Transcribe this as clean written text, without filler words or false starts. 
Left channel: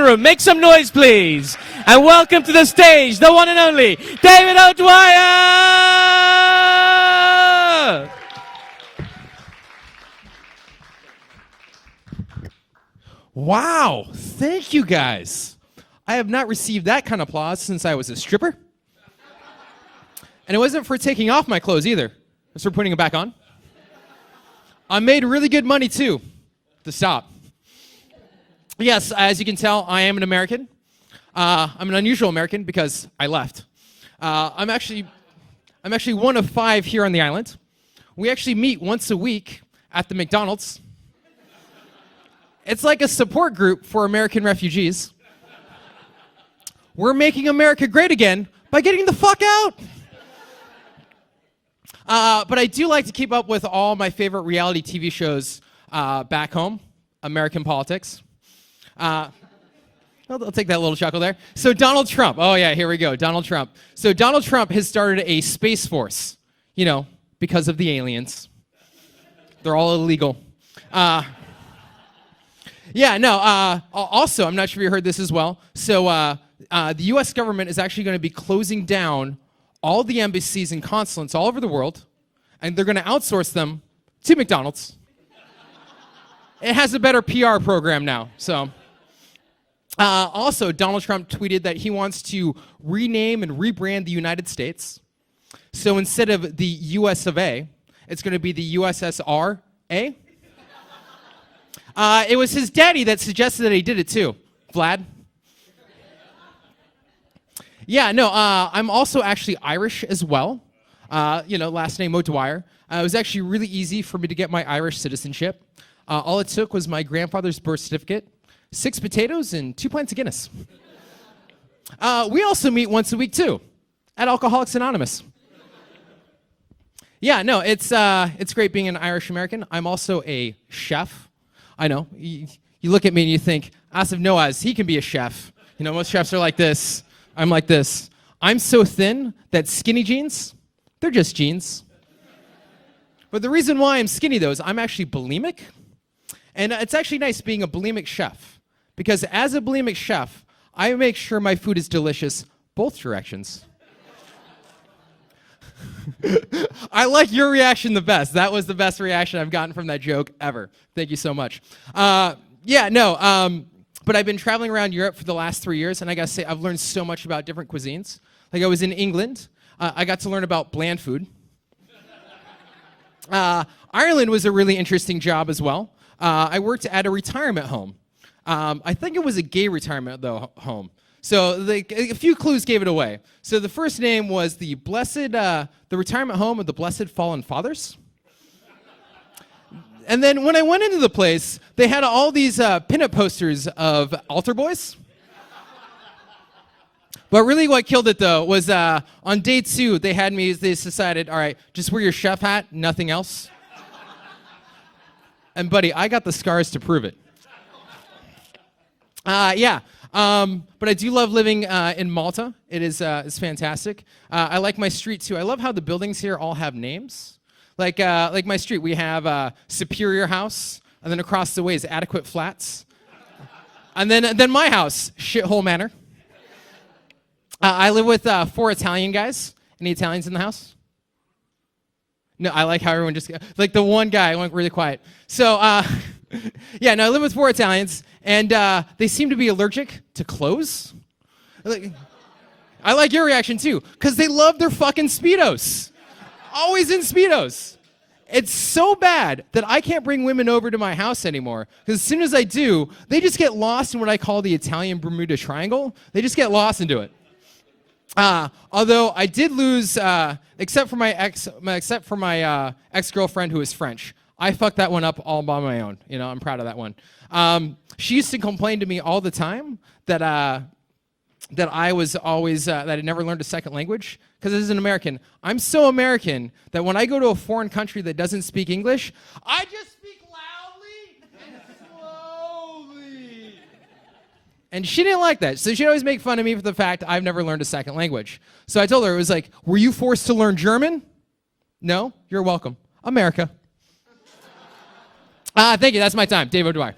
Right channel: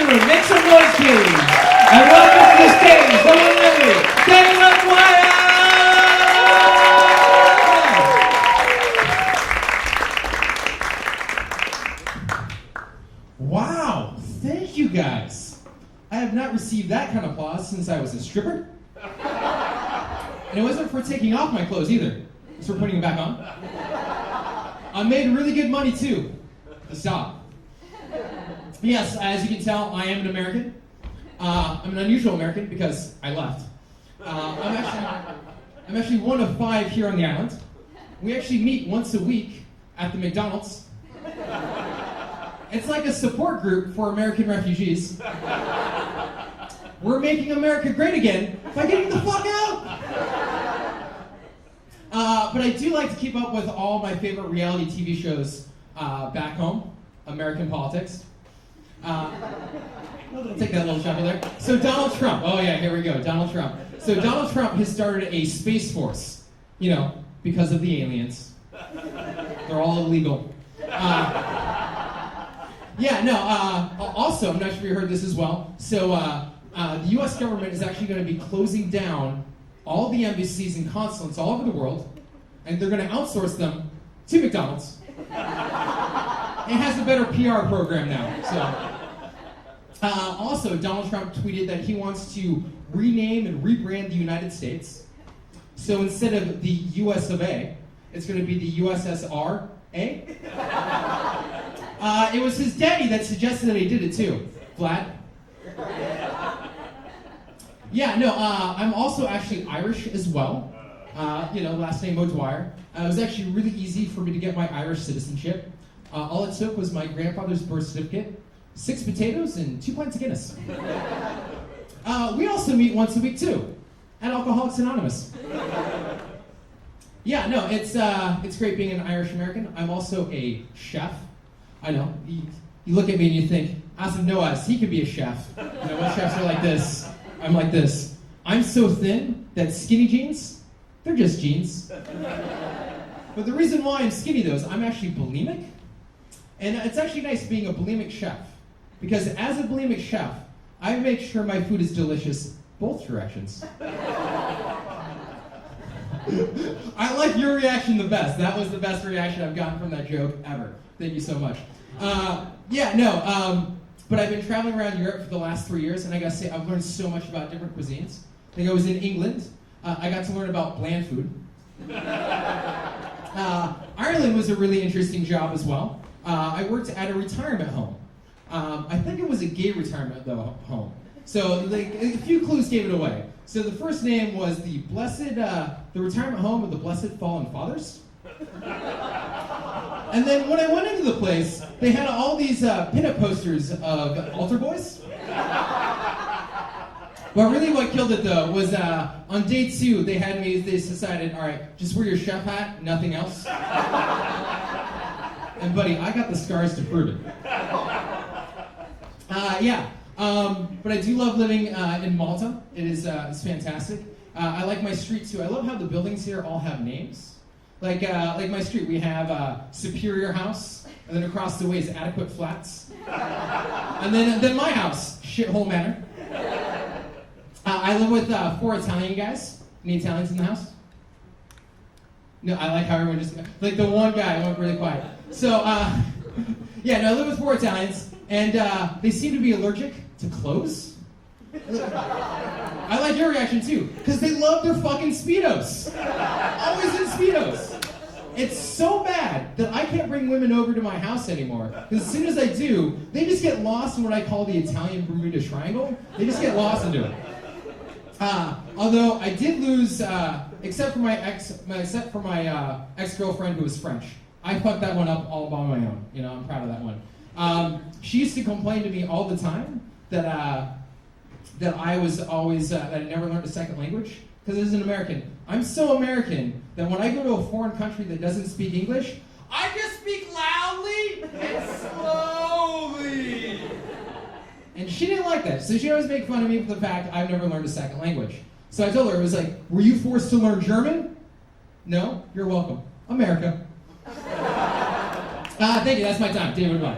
the room. Make some noise, please. And welcome to the stage, the one and only David O'Dwyer! Wow, thank you guys. I have not received that kind of applause since I was a stripper. And it wasn't for taking off my clothes either. It was for putting them back on. I made really good money too, to stop. Yes, as you can tell, I am an American. I'm an unusual American because I left. I'm actually one of 5 here on the island. We actually meet once a week at the McDonald's. It's like a support group for American refugees. We're making America great again by getting the fuck out. But I do like to keep up with all my favorite reality TV shows back home, American politics. I'll take that little chuckle there. So Donald Trump, oh yeah, here we go, Donald Trump. So Donald Trump has started a space force, you know, because of the aliens. They're all illegal. Also, I'm not sure if you heard this as well. So the US government is actually going to be closing down all the embassies and consulates all over the world, and they're going to outsource them to McDonald's. It has a better PR program now, so. Also, Donald Trump tweeted that he wants to rename and rebrand the United States. So instead of the US of A, it's going to be the USSR A. It was his daddy that suggested that he did it too, Vlad. Yeah, no, I'm also actually Irish as well. Last name O'Dwyer. It was actually really easy for me to get my Irish citizenship. All it took was my grandfather's birth certificate, 6 potatoes, and 2 pints of Guinness. We also meet once a week too, at Alcoholics Anonymous. Yeah, no, it's great being an Irish American. I'm also a chef. I know, you look at me and you think, Asif Noaz, he can be a chef. You know, most chefs are like this. I'm like this. I'm so thin that skinny jeans, they're just jeans. But the reason why I'm skinny though is I'm actually bulimic. And it's actually nice being a bulimic chef. Because as a bulimic chef, I make sure my food is delicious both directions. I like your reaction the best. That was the best reaction I've gotten from that joke ever. Thank you so much. But I've been traveling around Europe for the last 3 years, and I gotta say, I've learned so much about different cuisines. Like I was in England, I got to learn about bland food. Ireland was a really interesting job as well. I worked at a retirement home. I think it was a gay retirement home. So a few clues gave it away. So the first name was the retirement home of the Blessed Fallen Fathers. And then when I went into the place, they had all these pinup posters of altar boys. But really what killed it though was on day 2, they decided, all right, just wear your chef hat, nothing else. And buddy, I got the scars to prove it. But I do love living in Malta. It's fantastic. I like my street too. I love how the buildings here all have names. Like my street, we have Superior House, and then across the way is Adequate Flats. And then my house, Shithole Manor. I live with 4 Italian guys. Any Italians in the house? No, I like how everyone just, like the one guy went really quiet. So, I live with 4 Italians, and they seem to be allergic to clothes. I like your reaction too, because they love their fucking Speedos. Always in Speedos. It's so bad that I can't bring women over to my house anymore, because as soon as I do, they just get lost in what I call the Italian Bermuda Triangle. They just get lost into it. Although I did lose, except for my ex-girlfriend who is French. I fucked that one up all by my own. You know, I'm proud of that one. She used to complain to me all the time that I was always that I never learned a second language. Because as an American, I'm so American that when I go to a foreign country that doesn't speak English, I just speak loudly and slowly. And she didn't like that, so she'd always make fun of me for the fact I've never learned a second language. So I told her, it was like, were you forced to learn German? No, you're welcome. America. Thank you, that's my time. David O'Dwyer.